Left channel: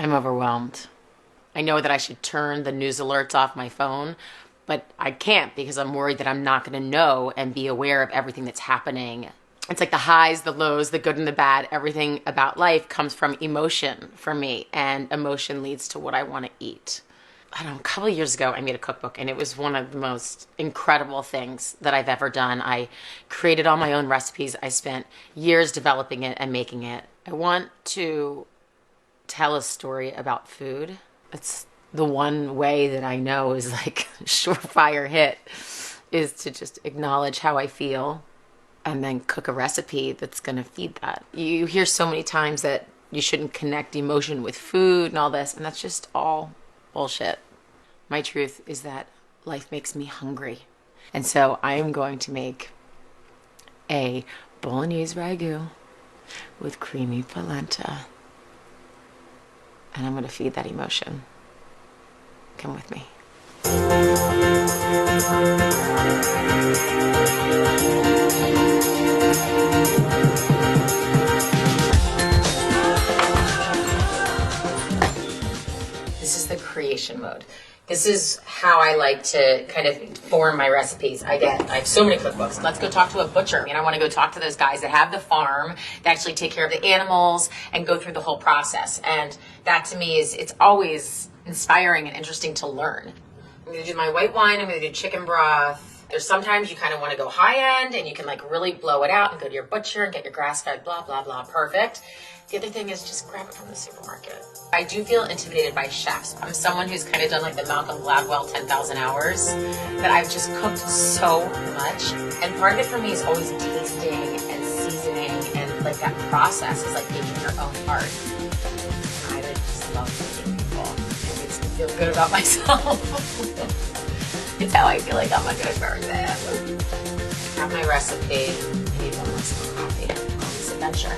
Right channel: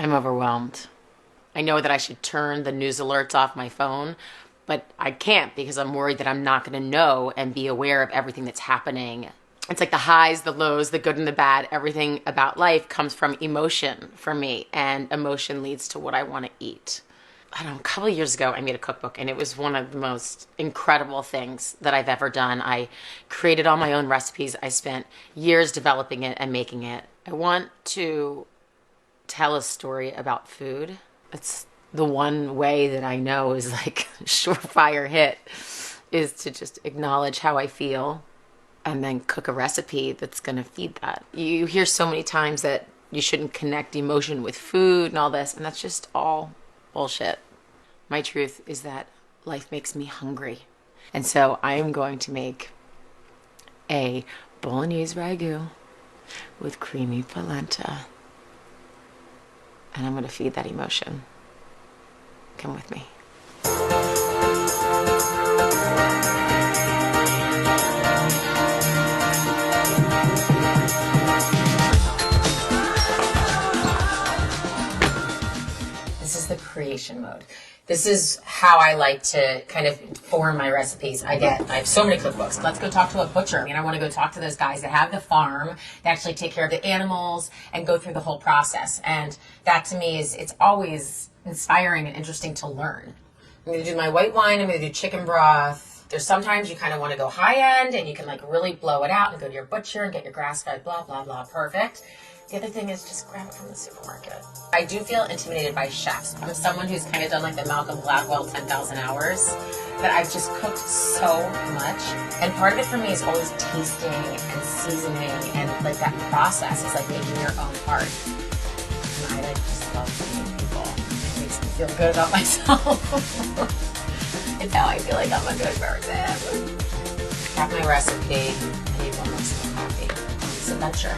I'm overwhelmed. I know that I should turn the news alerts off my phone, but I can't because I'm worried that I'm not going to know and be aware of everything that's happening. It's like the highs, the lows, the good and the bad. Everything about life comes from emotion for me, and emotion leads to what I want to eat. I don't know, a couple of years ago, I made a cookbook, and it was one of the most incredible things that I've ever done. I created all my own recipes. I spent years developing it and making it. I want to tell a story about food. It's the one way that I know is like surefire hit is to just acknowledge how I feel and then cook a recipe that's going to feed that. You hear so many times that you shouldn't connect emotion with food and all this, and that's just all bullshit. My truth is that life makes me hungry. And so I am going to make a bolognese ragu with creamy polenta. And I'm going to feed that emotion. Come with me. This is the creation mode. This is how I like to kind of form my recipes. I have so many cookbooks. Let's go talk to a butcher. And I want to go talk to those guys that have the farm, that actually take care of the animals and go through the whole process. And that to me it's always inspiring and interesting to learn. I'm going to do my white wine. I'm going to do chicken broth. There's sometimes you kind of want to go high end and you can like really blow it out and go to your butcher and get your grass-fed blah, blah, blah. Perfect. The other thing is just grab it from the supermarket. I do feel intimidated by chefs. I'm someone who's kind of done like the Malcolm Gladwell 10,000 hours, that I've just cooked so much. And part of it for me is always tasting and seasoning, and like that process is like making your own art. And I like just love feeding people. It makes me feel good about myself. It's how I feel like I'm a good person. I have my recipe. I need one more sip of coffee on this adventure.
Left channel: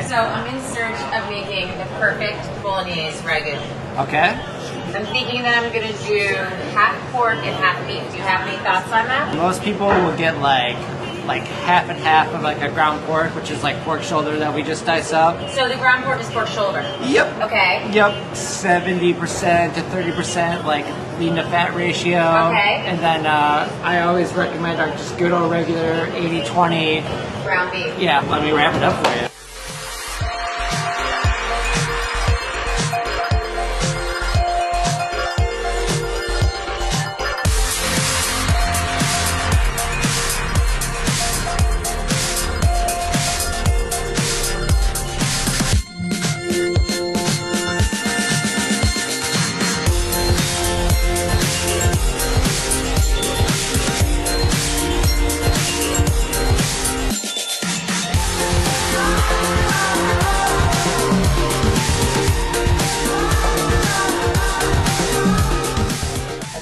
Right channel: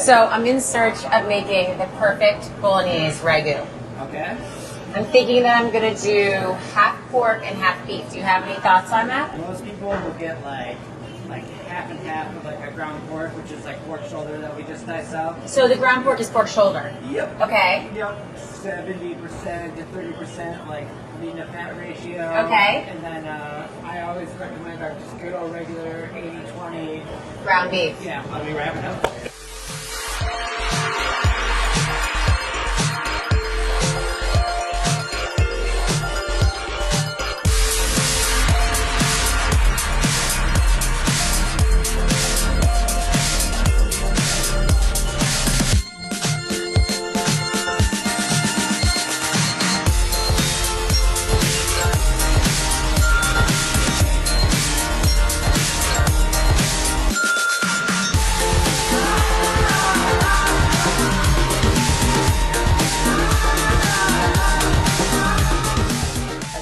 So I'm in search of making the perfect bolognese ragu. Okay. I'm thinking that I'm going to do half pork and half beef. Do you have any thoughts on that? Most people will get like half and half of like a ground pork, which is like pork shoulder that we just dice up. So the ground pork is pork shoulder? Yep. Okay. Yep. 70% to 30% like lean to fat ratio. Okay. And then I always recommend our just good old regular 80-20. Ground beef. Yeah, let me wrap it up for you.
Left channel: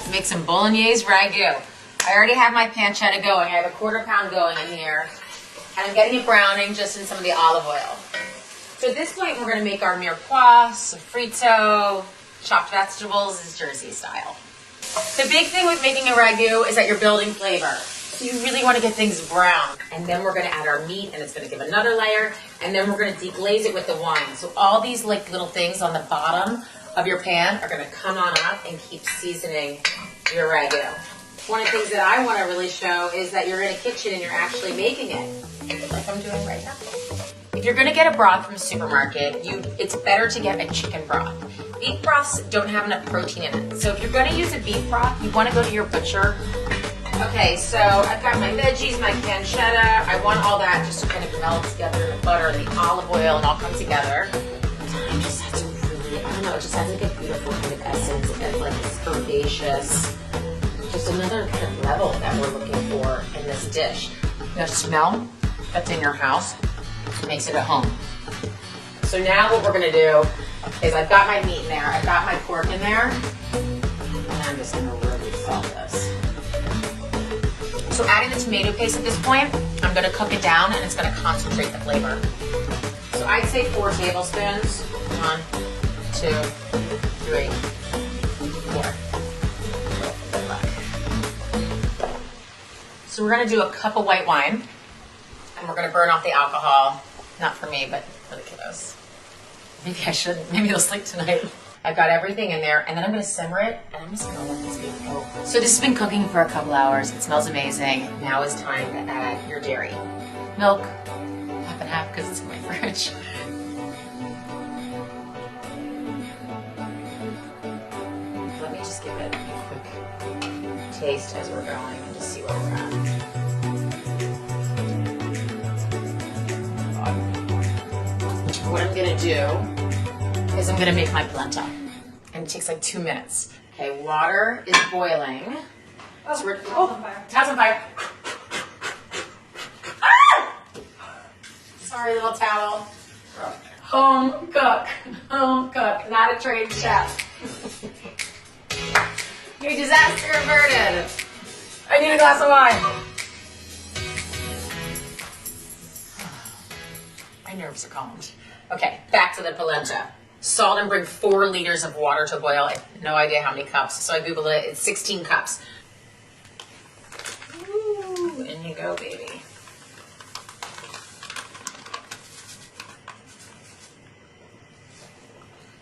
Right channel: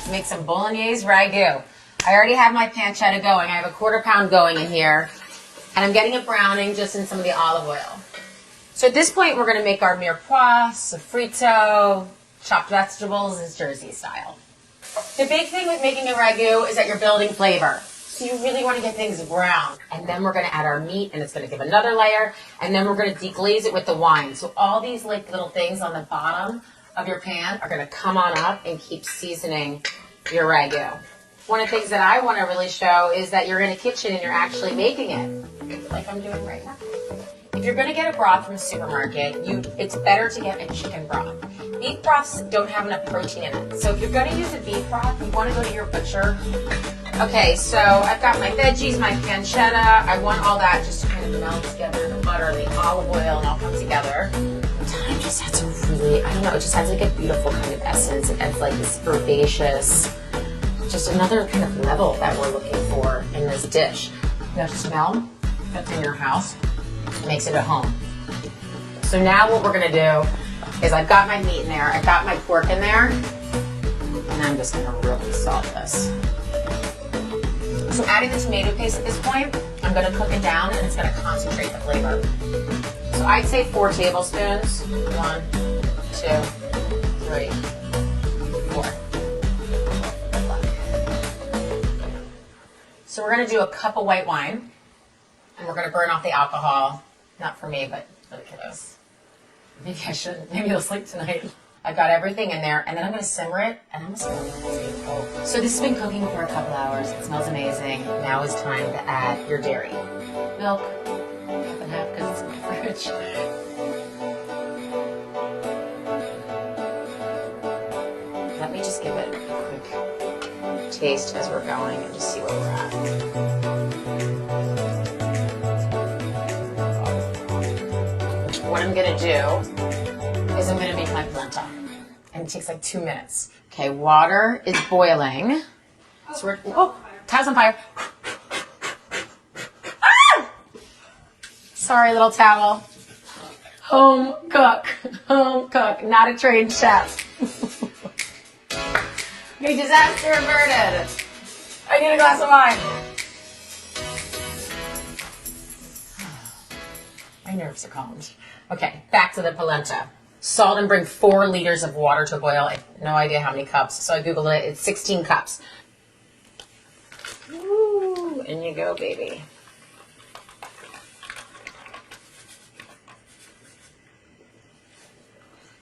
Make some bolognese ragu. I already have my pancetta going. I have a 1/4 pound going in here. And I'm getting it browning just in some of the olive oil. So at this point, we're going to make our mirepoix, sofrito, chopped vegetables is Jersey style. The big thing with making a ragu is that you're building flavor. So you really want to get things brown. And then we're going to add our meat, and it's going to give another layer. And then we're going to deglaze it with the wine. So all these like little things on the bottom of your pan are going to come on up and keep seasoning your ragu. One of the things that I want to really show is that you're in a kitchen and you're actually making it, like I'm doing right now. If you're going to get a broth from a supermarket, it's better to get a chicken broth. Beef broths don't have enough protein in it. So if you're going to use a beef broth, you want to go to your butcher. Okay, so I've got my veggies, my pancetta. I want all that just to kind of melt together, the butter and the olive oil and all come together. Thyme just adds a really, I don't know, it just adds like a beautiful kind of essence. It adds like this herbaceous, just another kind of level that we're looking for in this dish. The smell that's in your house makes it at home. So now what we're gonna do is I've got my meat in there, I've got my pork in there, and I'm just gonna really salt this. So adding the tomato paste at this point, I'm gonna cook it down and it's gonna concentrate the flavor. So I'd say 4 tablespoons. 1, 2, 3, 4. Good luck. So we're gonna do a cup of white wine and we're gonna burn off the alcohol. Not for me, but for the kiddos. Maybe I shouldn't. Maybe they'll sleep tonight. I've got everything in there, and then I'm going to simmer it, and I'm just going to let this baby go. So this has been cooking for a couple hours. It smells amazing. Now is time to add your dairy. Milk, half and half, because it's in my fridge. Let me just give it a quick taste as we're going and just see where we're at. What I'm going to do is I'm going to make my polenta. And it takes like 2 minutes. Okay, water is boiling. So we're, towel's on fire. Ah! Sorry, little towel. Home cook, not a trained chef. Okay, disaster averted. I need a glass of wine. My nerves are calmed. Okay, back to the polenta. Salt and bring 4 liters of water to boil. I have no idea how many cups, so I Googled it. It's 16 cups. Ooh, in you go, baby.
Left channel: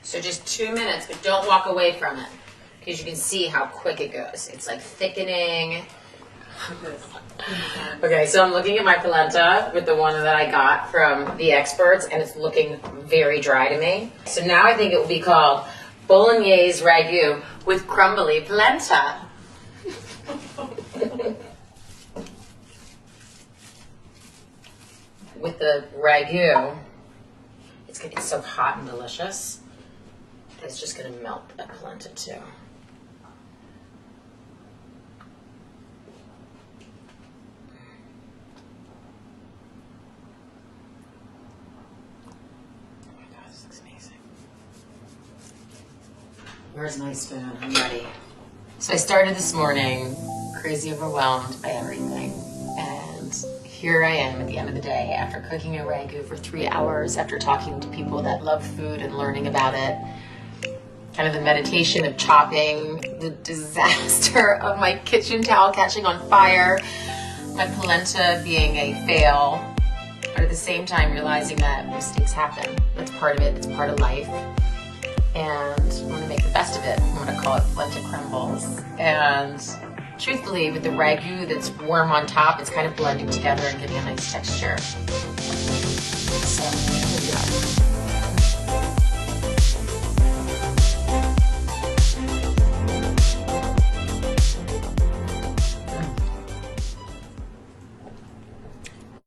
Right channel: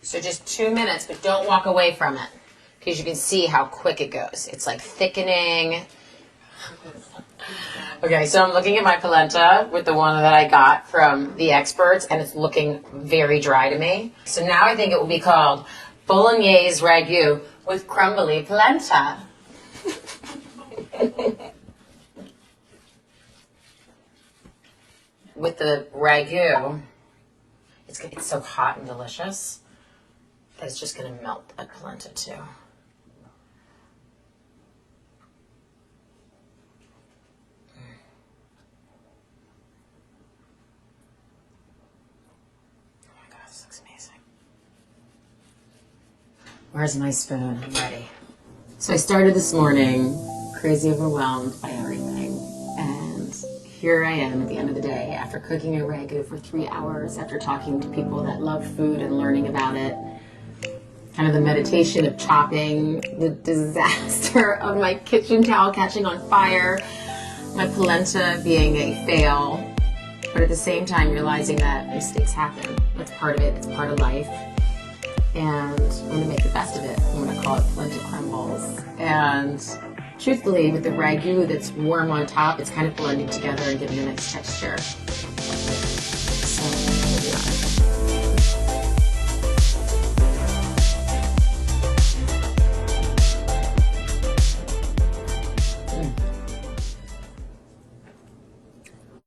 So just 2 minutes, but don't walk away from it because you can see how quick it goes. It's like thickening. Okay, so I'm looking at my polenta with the one that I got from the experts, and it's looking very dry to me. So now I think it will be called Bolognese ragu with crumbly polenta. With the ragu, it's so hot and delicious that it's just going to melt a polenta too. Where's my spoon? I'm ready. So I started this morning crazy overwhelmed by everything. And here I am at the end of the day after cooking a ragu for 3 hours, after talking to people that love food and learning about it. Kind of the meditation of chopping, the disaster of my kitchen towel catching on fire, my polenta being a fail, but at the same time realizing that mistakes happen. It's part of it, it's part of life. And I'm gonna make the best of it. I'm gonna call it polenta crumbles. And truthfully, with the ragu that's warm on top, it's kind of blending together and giving a nice texture.